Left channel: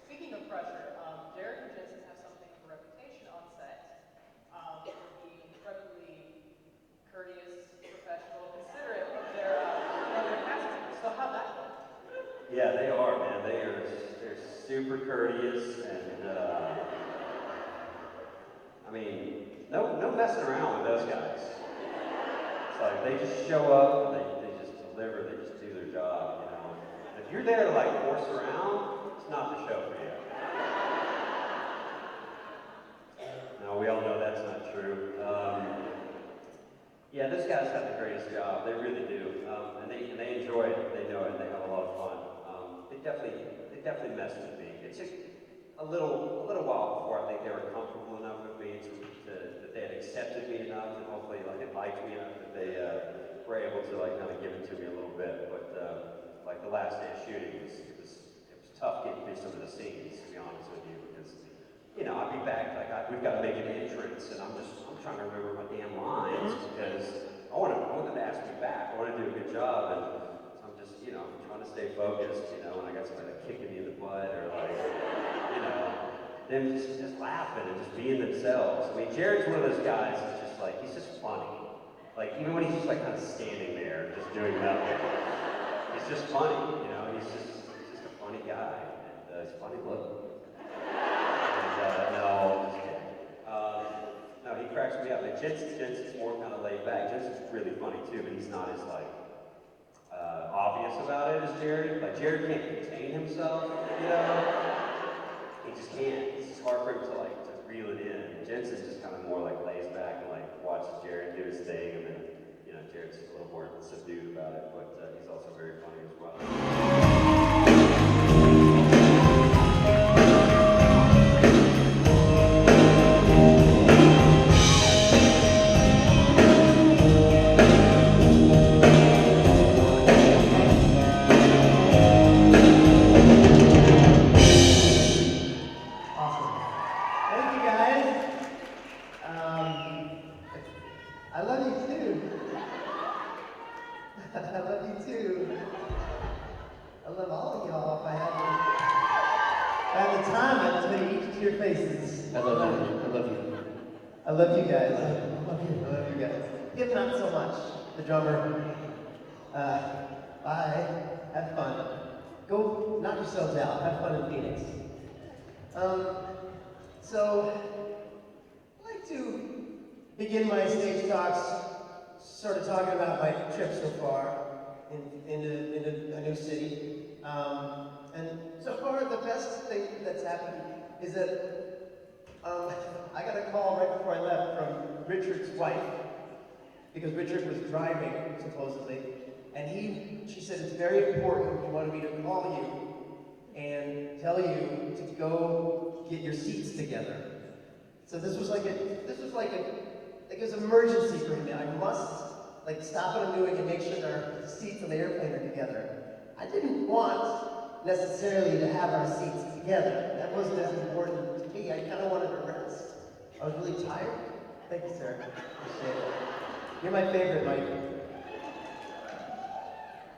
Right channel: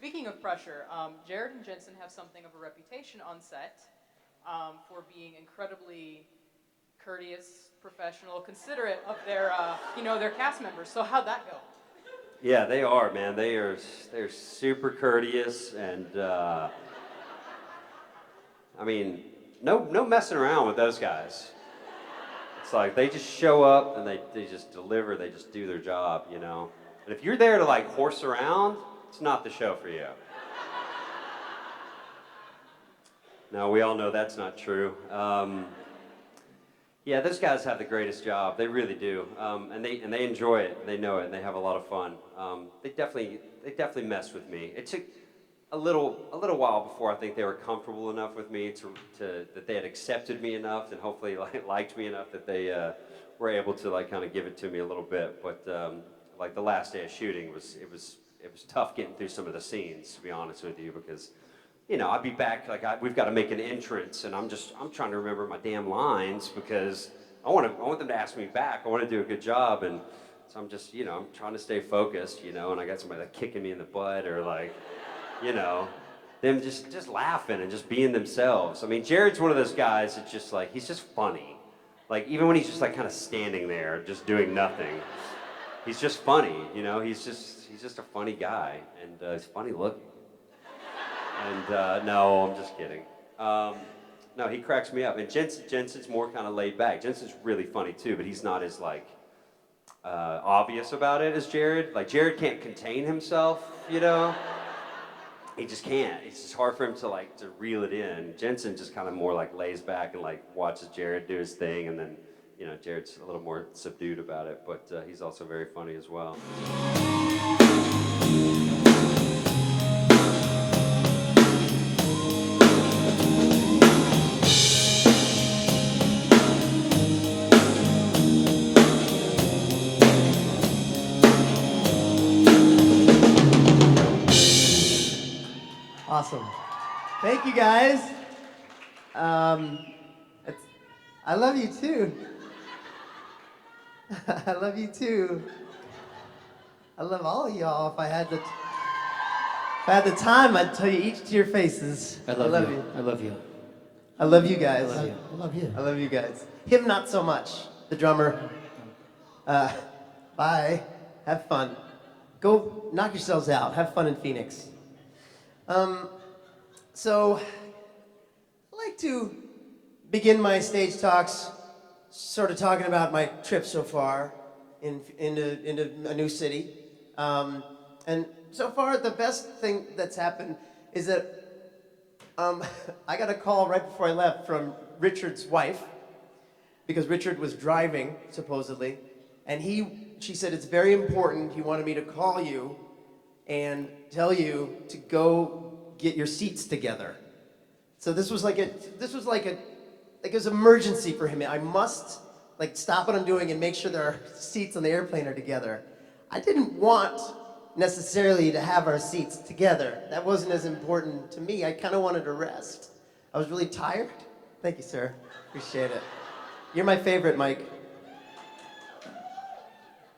Speaking of pressure, Jared and Jensen have something of a reputation on set for being incredibly courteous, professional, considerate of their cast members. So how'd that go? Yeah, they are, man. They're super courteous, and I mean, no messing around with those guys. It's like they just show up and they just deliver. They just do their job, you know. And if you're there to like horse around, it's not the show for you. No, we all know that's not true. Yeah, those guys have the greatest job. They really do, and they enjoy it. They know it, and they have a lot of fun. They definitely mess with me. It took a little while before I think they were comfortable enough with me to that they had accepted me enough, and hopefully liked me enough that they were able to like kind of give it to me a little bit. But like the last day of shooting it was tough getting through some of the scenes, to be honest with you, because you know, I'd be back, like we've got to make an entrance, and I'm trying to remember my damn lines because I want them to ask me back. I want to do a good job, and so I'm just, you know, I'm trying to stay focused, you know, and I got somebody like kicking me in the butt or like, you know, them just laughing and just being themselves. I mean, Jared's one of those guys that's just like, he's just funny. Like, even when he's just like kind of standing there, just doing nothing, he's just funny, you know, he's just a funny guy, and he's funny looking. And no, I'm just kidding. No, he cracks me up. And Jensen's more kind of laid back. Jensen's really funny too, but he's not as like obvious about it as Jared. Like Jared can't contain himself, you know. He just can't. It's just hard for him to reel it in. Jensen just kind of more like lays back and like watches Jared do his thing, and then you know Jared's a little more subdued about it, but he's also very funny as well. Awesome. Thank you, guys. I love you too. I love you too. I love all of y'all. If I had the time, I'd tell you each to your faces. I love you. I love you. I love you guys. I love you. I love you guys. Him not so much. The drummer. Bye. Have fun. Go knock yourselves out. Have fun in Phoenix. So, I'd like to begin my stage talks sort of talking about my trip so far in a new city. And so far, the best thing that's happened is that I got a call right before I left from Richard's wife, because Richard was driving, supposedly, and she said it's very important. He wanted me to call you and tell you to go get your seats together. So this was like it was emergency for him. I must stop what I'm doing and make sure the seats on the airplane are together. I didn't want necessarily to have our seats together. That wasn't as important to me. I kind of wanted to rest. I was really tired. Thank you, sir. Appreciate it. You're my favorite, Mike.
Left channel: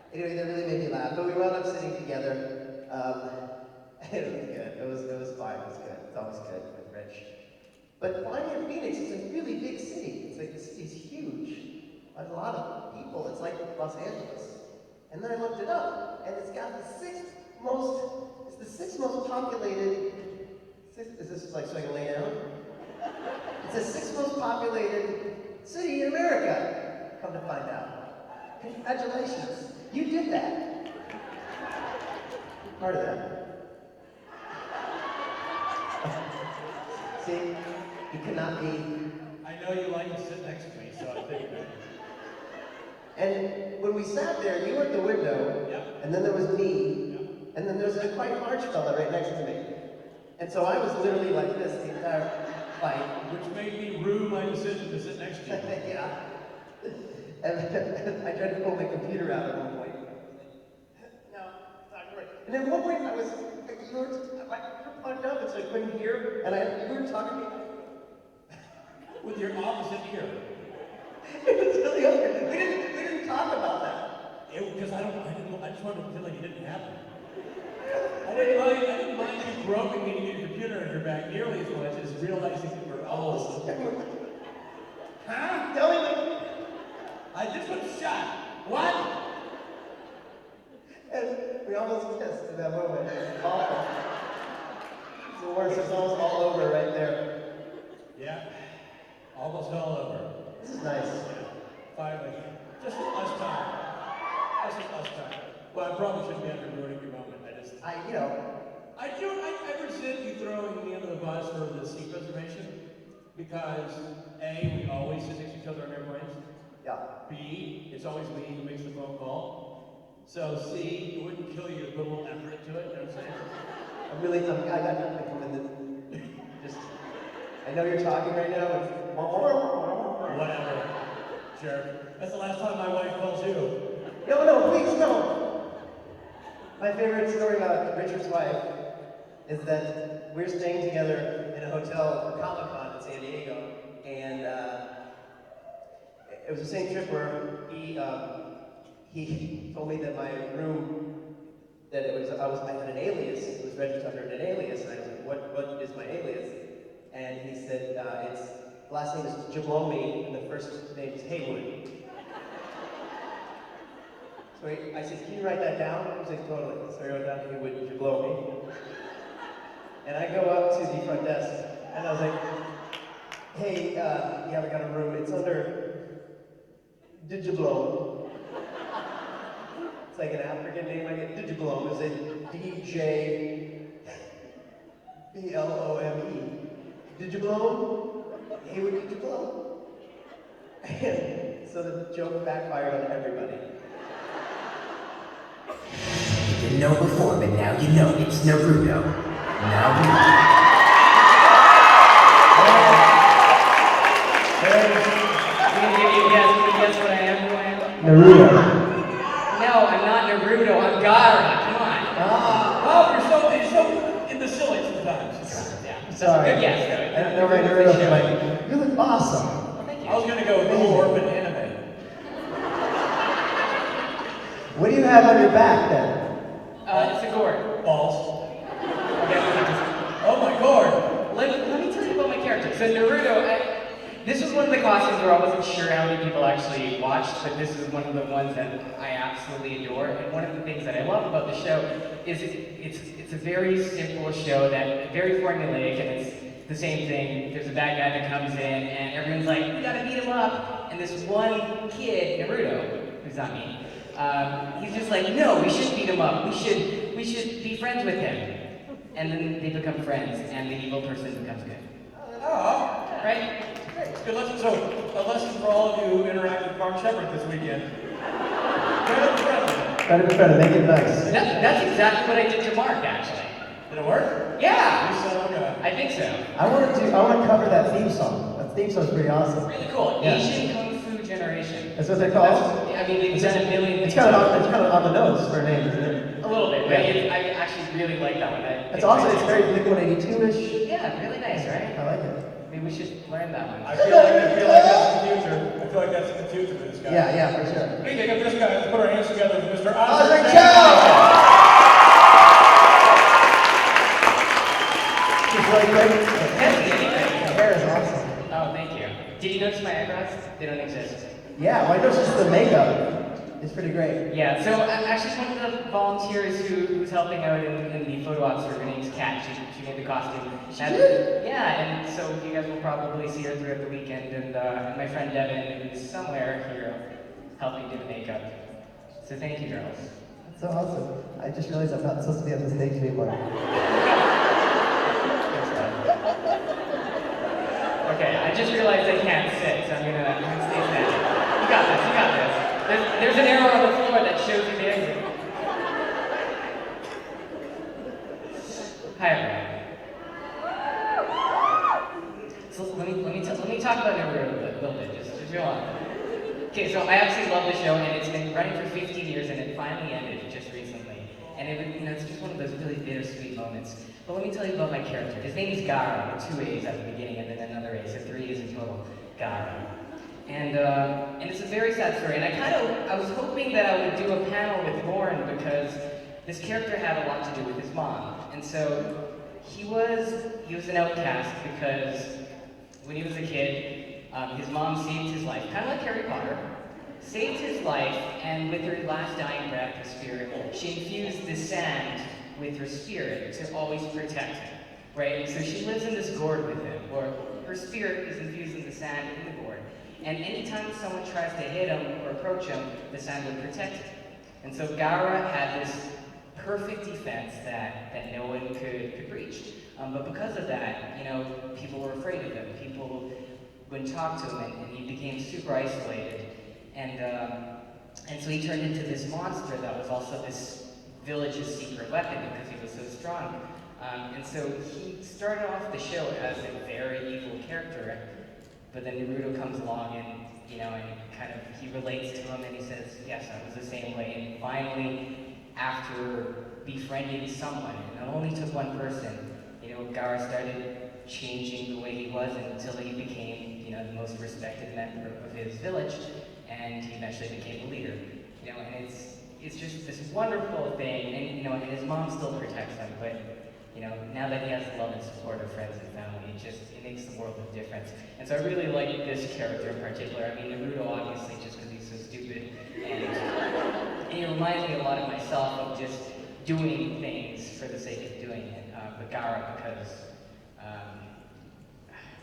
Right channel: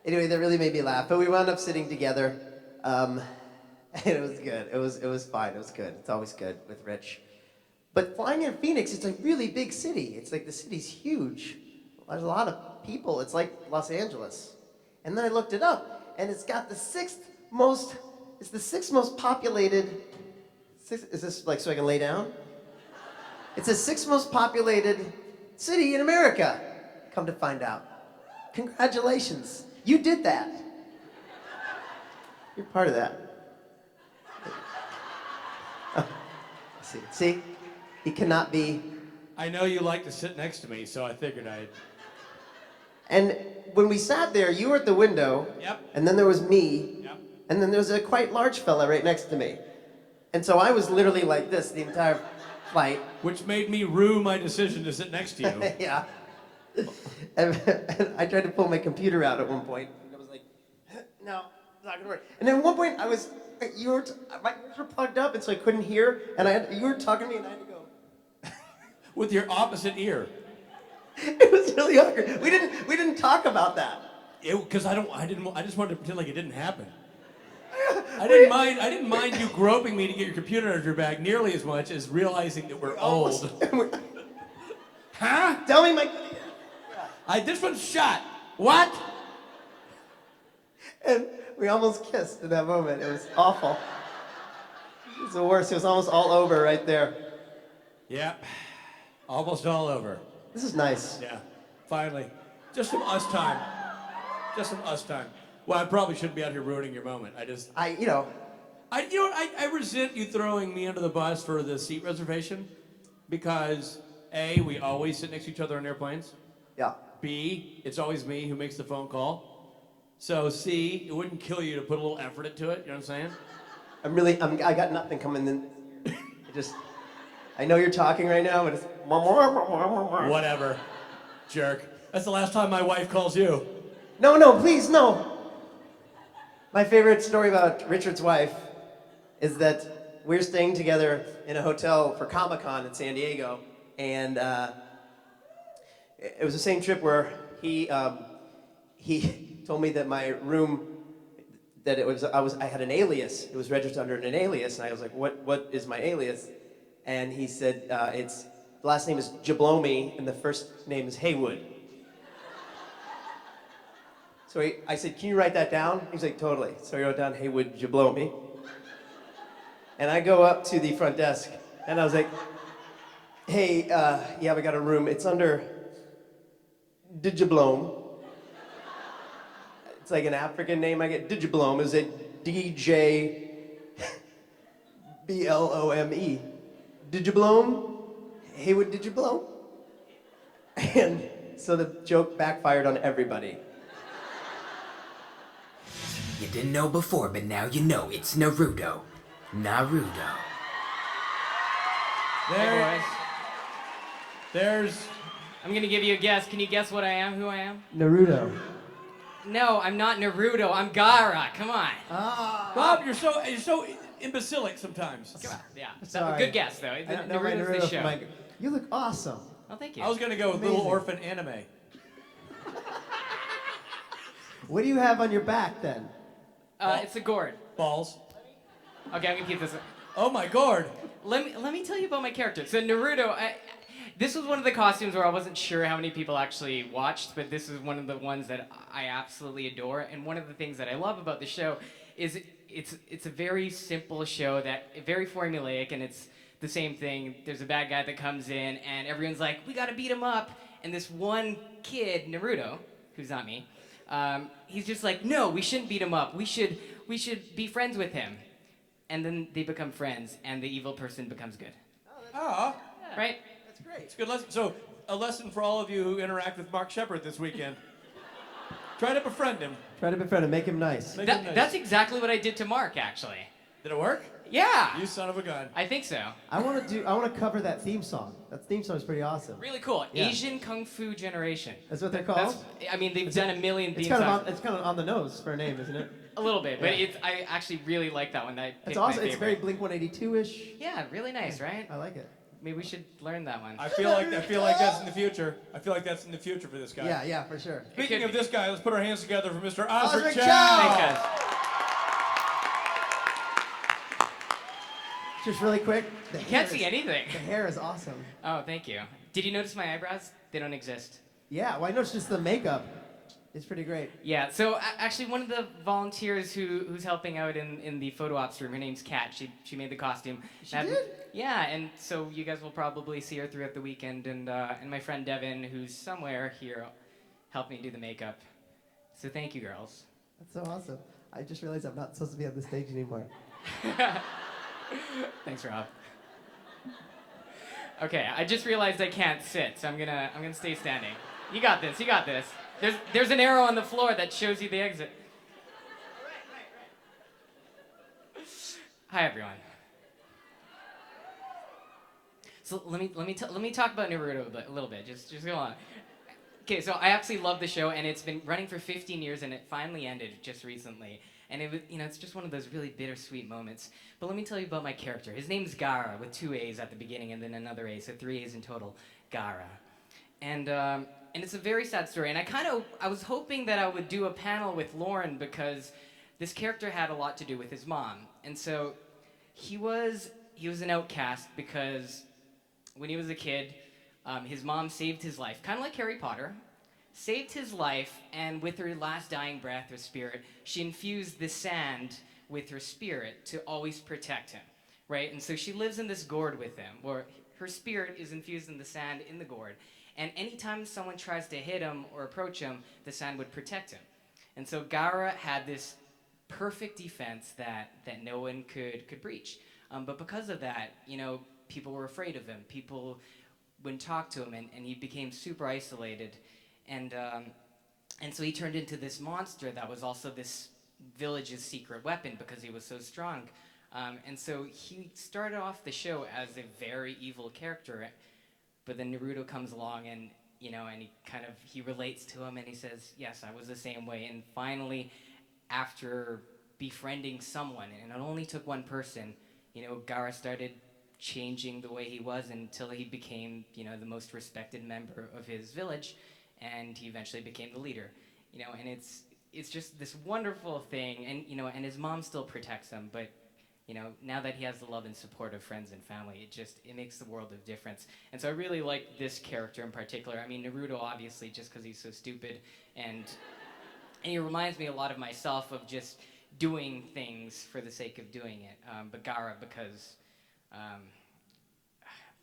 Anyway, that really made me laugh. But we wound up sitting together. It was good. It was fine. It was good. It's always good with Rich. But flying in Phoenix, it's a really big city. It's like the city's huge. There's a lot of people. It's like Los Angeles. And then I looked it up, and it's got the sixth most populated. Is this so I can lay down? It's the sixth most populated city in America. Come to find out. Congratulations. You did that. You're part of that. See, he cannot be. I know you like to sit next to me, so I figured I'd. And when we sat there, you were at the window. Yep. And then there was me. Yep. And then there was a quite large fella right next to me. And so I was literally like this the entire flight. Which made me rue my decision to sit next to you. Yeah. And I tried to pull my computer out at one point. I was like, no, it's not gonna work. And then at one point, my ears were plugged up, and so I couldn't hear. And you were talking to me, and I had to go. With your opposite ear. It was really awkward. We didn't talk about that. Because I just wanted to pretend like it didn't happen. I didn't mind you groping me to get your computer under your back nearly as much as realizing that we're old. Huh? Tell me, This one's shot. What? and we almost kissed in that moment. It was awful. It was the worst. It was almost all over right there. Yeah. Almost all over. This is nice. Yeah. Finally. Just some us time. Well, I probably shouldn't be out here ruining your moment. I resent you throwing me under the bus for the seat reservation because A, we always sit next to each other on airplanes. Yeah. B, it's always me who makes the phone call. So C, it wouldn't kill you to put a little effort into it, you know what I'm saying? I got nothing coming in. I know you're talking right now, but it's... Whatever, jerk. That's the last time my wife calls you. No, please, no. My favorite story about Richard's wife is that we're staying together in a hotel for Comic-Con in San Diego, and it was the same trip where he told me that my room, that I had an alias. It was registered under an alias, and I was like, what is my alias? And he said, the last name is Jablomi, and the first name is Haywood. So I said, can you write that down? He was like, totally. So he wrote down Haywood Jablomi. And I go up to the front desk, and I was like, hey, yeah, we got a room. It's under Digiblome. It's like an African name. I get Digiblome. Is it D-J-B-L-O-M-E? Digiblome? Haywood Digiblome? And so the joke backfired on everybody. You know before, but now you know it's no Naruto. Naruto. No, I'm not Naruto, I'm God. Come on. Oh, you're so imbecilic sometimes. So good guess, right? You look awesome. I was gonna go more of an anime. What do you have on your back then? It's a gourd. Balls. Okay, Oh my god. let me tell you about my character. So Naruto, this was one of the costumes where I wasn't sure how many people actually watched, but this was one of the ones that I absolutely adore. And one of the things that I love about the show is it's a very simple show that very formulaic. It's the same thing. There's a bad guy that comes in, and everyone's like, "You gotta beat him up." And this one kid, Naruto, who's not me, he's just like, "No, we shouldn't beat him up. We should be friends with him." And then they become friends, and the evil person becomes good. Oh. Right? It's good lesson. So, a lesson for all of you who interact with Mark Sheppard this weekend. Thank you, nice. That's exactly what I did to Mark, actually. Did it work? Yeah, I think so. I want to cover that theme song. That theme song is pretty awesome. Really cool. Asian Kung Fu Generation. That's what they call it? I mean, they've done a million It's things. kind of on the nose for a name, isn't it? A little bit, but I actually really like that one. It's also very English. Yeah, really nice, right? I like it. Maybe we should learn that one. I feel like that's the future for this guy. Yeah, for sure. Speaking of this guy, let's put our hands together for Mr. Osric Osric Chau. Chau! Hair is awesome. Oh, thank you. Did you notice my eyebrows? They don't exist. Yeah, why don't you see the makeup? It's pretty great. Yeah, so actually one of the volunteers who's helping out in the photo ops, her name's Kat, she made the costume. And so you guys will probably see her throughout the weekend, and my friend Devin is somewhere here helping me do the makeup. So thank you, girls. That's awesome. I just realized I'm not supposed to be on the stage anymore. Okay, I just realized I can't sit, so I'm gonna stay standing. You got this. There's an arrow on the floor that shows you the exit. Hi, everyone. So let me talk about it a little bit. Just go on. Okay, so I actually love the show, and it's been running for 15 years, and it finally ended just recently. And it's just one of those really bittersweet moments this character had a lot to do with his mom. And so he was an outcast because when he was a kid, his mom saved his life, kind of like Harry Potter, saved his life, and with her last dying breath of spirit, she infused the sand with her spirit to always protect him, right? And so she lives in this gourd with him, or her spirit is infused in the sand in the gourd. And anytime someone tries to hit him or approach him, the sand will protect him. And so Gara had this perfect defense that no one could breach. But because of that, people were afraid of him. People wouldn't talk to him, and he became super isolated. And so he turned into this monster that was also this village's secret weapon because he was so strong. And so he started off the show as a very evil character, but then Naruto comes along and, he relates to him and he says, yes, I was the same way. And finally, after befriending someone, and it only took one person, Gara started changing the way he was until he became, the most respected member of his village, and he eventually became the leader. And it's just this wonderful thing, and his mom still protects him, but now that he has the love and support of friends and family, it makes the world a difference. And so I really like this character in particular. I mean, Naruto obviously just because he's so stupid, and it reminds me a lot of myself of just doing things for the sake of doing it. But Gara, because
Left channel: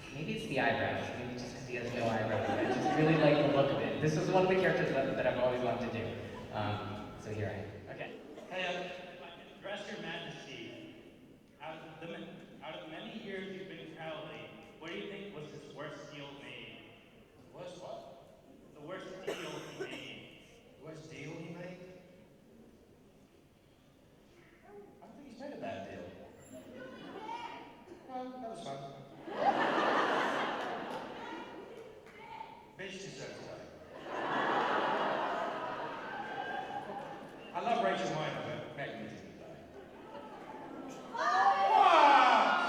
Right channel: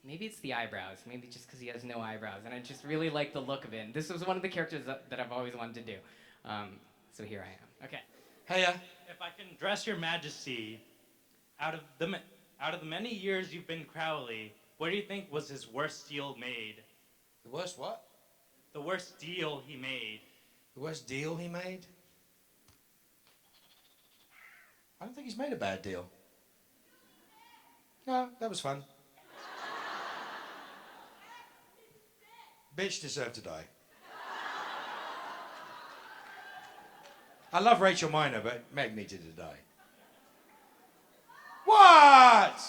maybe it's the eyebrows, maybe just because he has no eyebrows. I just really like the look of it. This was one of the characters that I've always wanted to do. So here I am. Okay. Hey, if I can address your majesty, out of the many years you've been Crowley, what do you think was his worst deal made? The worst what? The worst deal he made. The worst deal he made? I don't think he's made a bad deal. No, that was fun. Bitch deserved to die. I love Rachel Miner, but Meg needed to die. What?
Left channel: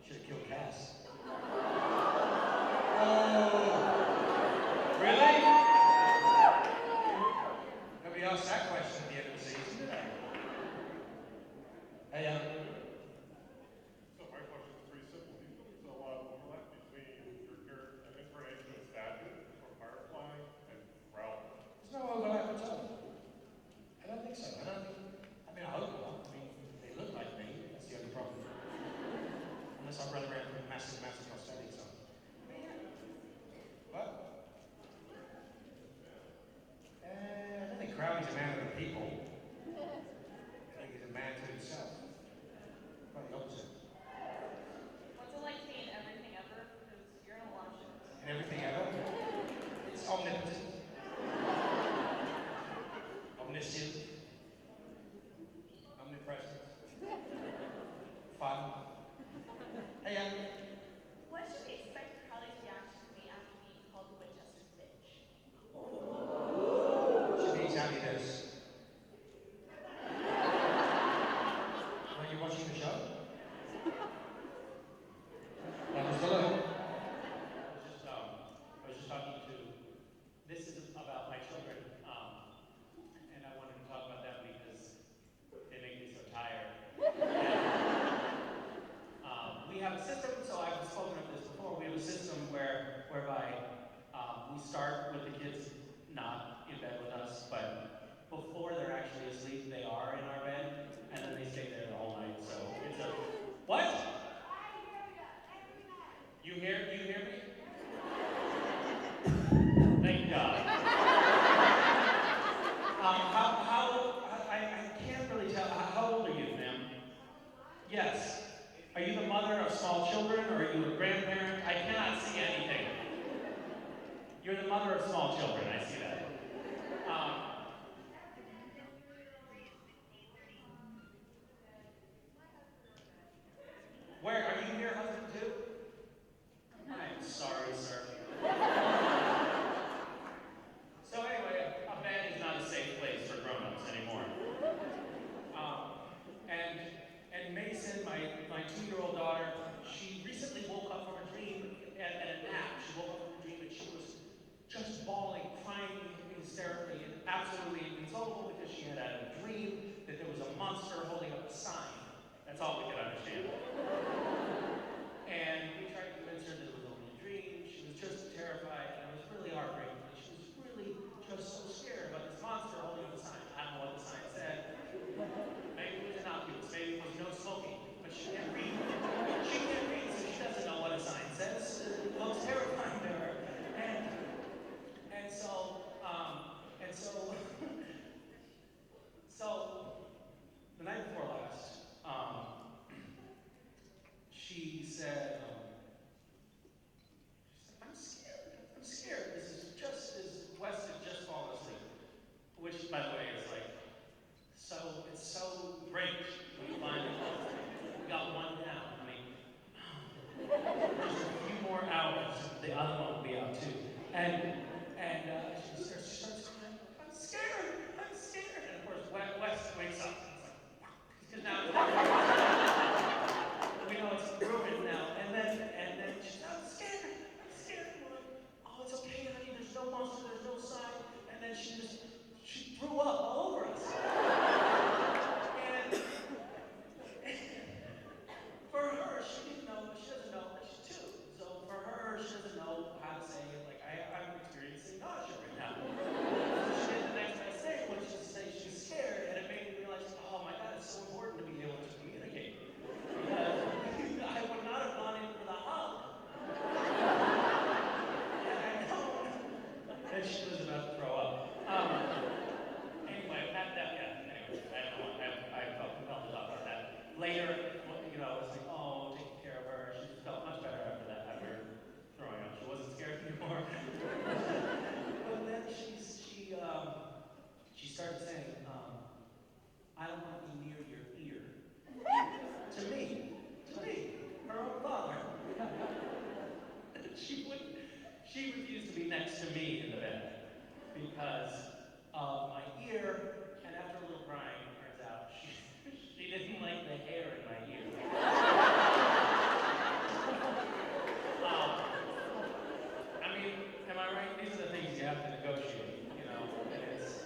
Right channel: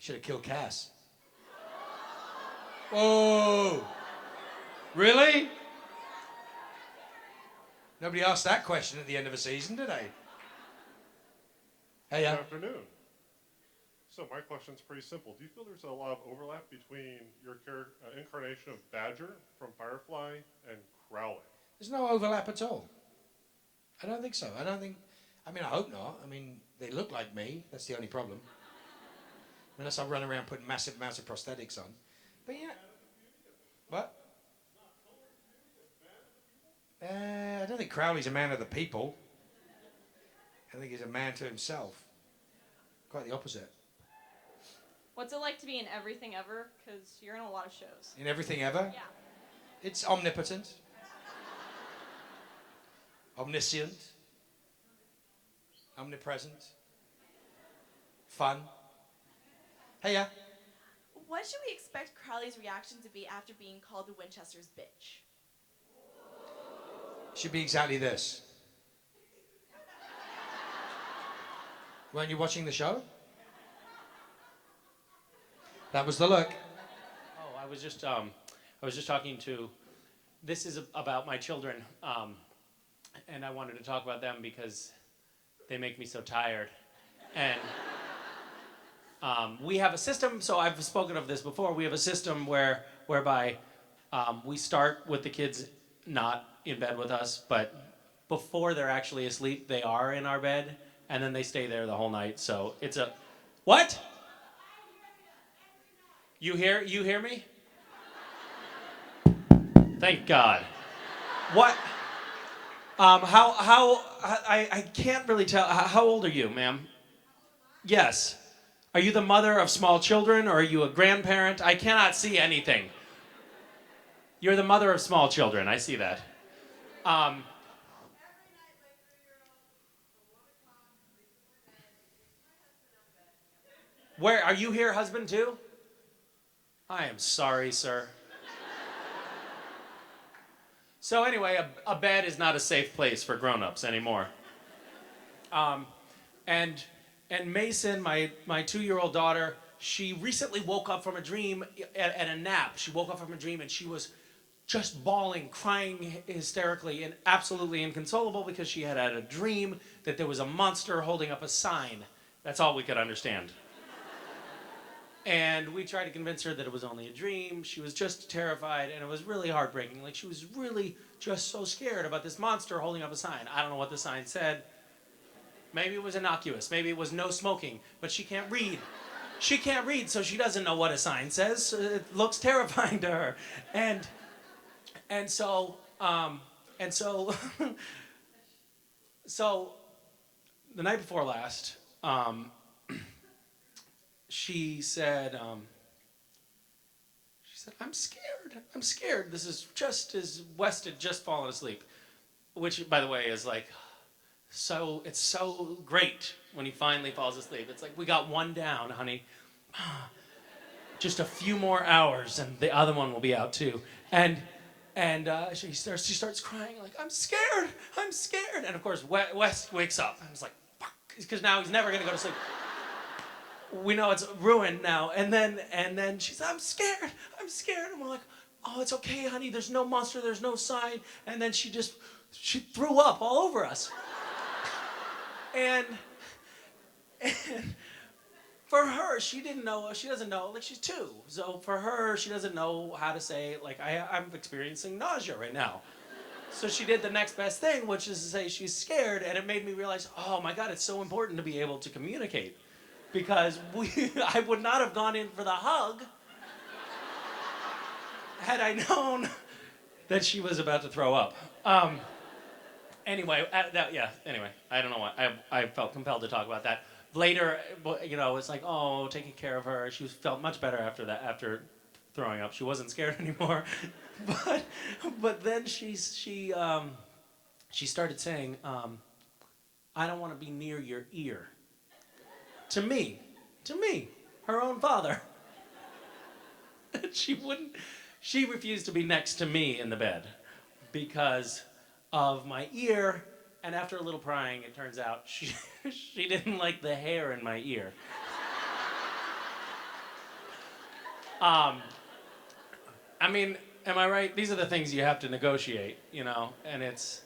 Should have killed Cass. Oh, really? Nobody asked that question at the end of a season, did they? Hey, Good afternoon. So my question's pretty simple. Do you feel there's a lot of overlap between your incarnation of Badger from Firefly and Crowley? there's no overlap at all. I don't think so. I hope not. They look like me. That's the only problem. Unless I run around putting massive amounts of prosthetics on. But yeah. What? I don't think Crowley's a man of the people. I think he's a man to himself. Quite the opposite. What's it like to be in Everything Ever? Because you're in a lot of shows. In Everything Ever? Yeah. It's omnipotent. Omniscient. Omnipresent. Fun. Hey, yeah. What should we expect Crowley's reaction to be after being called Winchester's bitch? Should be exactly this. Weren't you watching the show? That was the look. I was just talking to. This is about my children, and I wanted to talk about them because they make me so tired. And we have a system. So I've spoken of this before. We have a system whereby we start with the kids not in bed with us, but before they're actually asleep, they are in our bed, and then they stay there the whole night. So it's a what? You hear me? Thank God. What? I can't really tell. How old are you, ma'am? Yes. Are you the mother of small children, or are you a grandparent? I cannot see anything. You're the mother of small children. I see that. Where are you here, husband, too? I am sorry, sir. So anyway, a bed is not a safe place for grown-ups anymore. And Mason, my 2-year-old daughter, she recently woke up from a dream at a nap. She woke up from a dream and she was just bawling, crying hysterically, and absolutely inconsolable because she had had a dream that there was a monster holding up a sign. That's all we could understand. And we tried to convince her that it was only a dream. She was just terrified, and it was really heartbreaking. Like, she was really just so scared about this monster holding up a sign. I don't know what the sign said. Maybe it was innocuous. Maybe it was no smoking, but she can't read. She can't read, so she doesn't know what a sign says. It looks terrifying to her. And so, so the night before last, she said, I'm scared. This is just as West had just fallen asleep, which, by the way, is like, it's so great when he finally falls asleep. It's like, we got one down, honey. Just a few more hours and the other one will be out too. And she starts crying like, I'm scared. And of course, West wakes up and he's like, fuck, because now he's never gonna go to sleep. We know it's ruined now. And then she's, I'm scared. And we're like, oh, it's okay, honey. There's no monster. There's no sign. And then she threw up all over us. And for her, she doesn't know, like, she's 2. So for her, she doesn't know how to say, like, I'm experiencing nausea right now. So she did the next best thing, which is to say she's scared, and it made me realize, oh my God, it's so important to be able to communicate. Because I would not have gone in for the hug had I known that she was about to throw up. Anyway, I don't know why. I felt compelled to talk about that. Later, it's like, oh, taking care of her. She felt much better after throwing up. She wasn't scared anymore. but then she started saying, I don't want to be near your ear. To me, her own father. She refused to be next to me in the bed because of my ear, and after a little prying, it turns out she didn't like the hair in my ear. I mean, am I right? These are the things you have to negotiate, and it's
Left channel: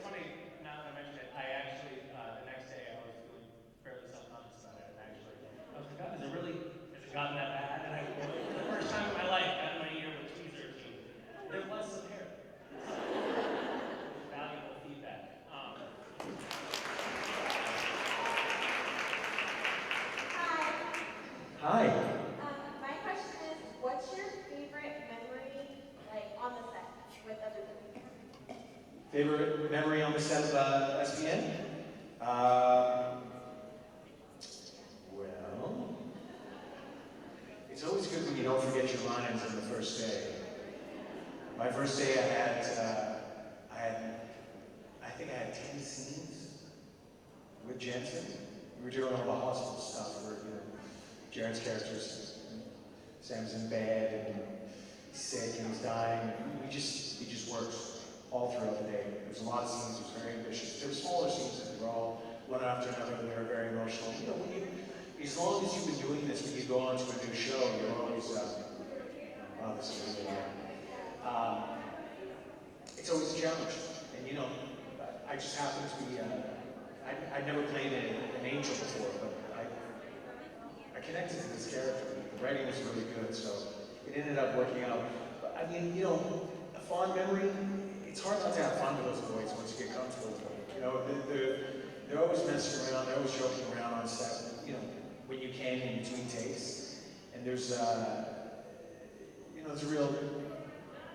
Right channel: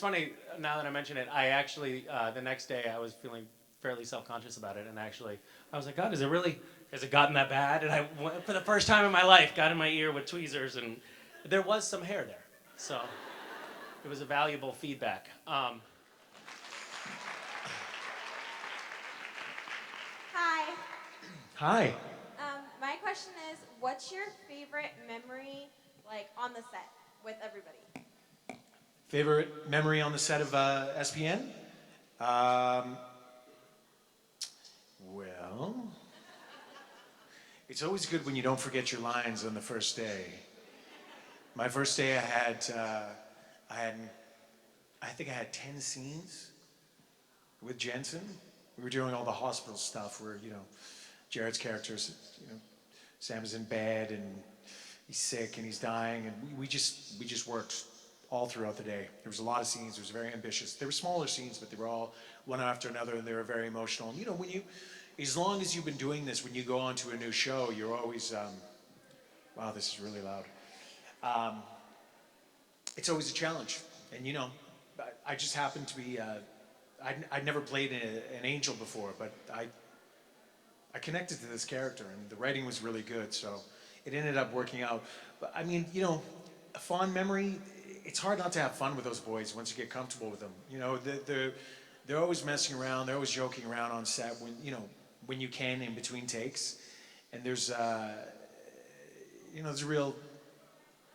funny, now that I mention it, I actually, the next day I was feeling fairly self-conscious about it, and actually, I was like, God, has it gotten that bad? And I, for the first time in my life, got in my ear with tweezers, and there was some hair there. So it was a valuable feedback. Hi. Hi. My question is, what's your favorite memory, like, on the set with everybody? Favorite memory on the set of SPN? Well, it's always good when you don't forget your lines on the first day. My first day, I think I had 10 scenes with Jensen. We were doing all the hospital stuff where, Jared's characters, Sam's in bed and he's sick and he's dying, and we just worked all throughout the day. There was a lot of scenes. It was very ambitious. There were smaller scenes, but they were all one after another, and they were very emotional. As long as you've been doing this, when you go on to a new show, you're always, wow, this is really loud. It's always a challenge, and I just happened to be, I'd never played an angel before, but I connected to this character. The writing was really good, so it ended up working out. But I mean, a fond memory, it's hard not to have fun with those boys once you get comfortable with them. They're always messing around, they're always joking around on set when you can in between takes. And there's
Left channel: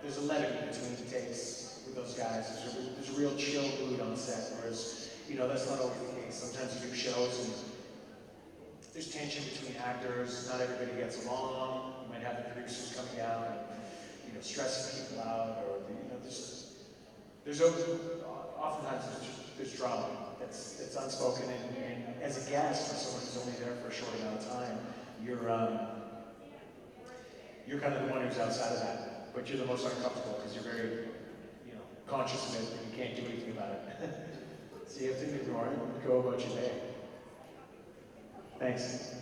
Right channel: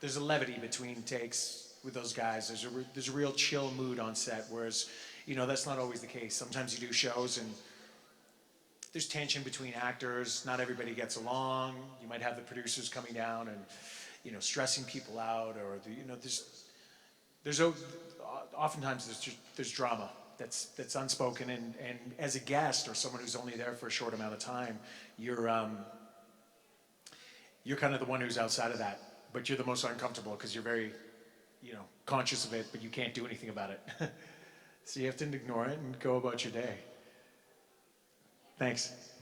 there's a levity between takes with those guys. There's a real chill mood on set, whereas, that's not always the case. Sometimes you do shows and there's tension between actors, not everybody gets along. You might have the producers coming down and, stressing people out, or oftentimes there's drama that's unspoken, and as a guest or someone who's only there for a short amount of time, you're kind of the one who's outside of that, but you're the most uncomfortable because you're very, conscious of it, but you can't do anything about it. So you have to ignore it and go about your day. Thanks.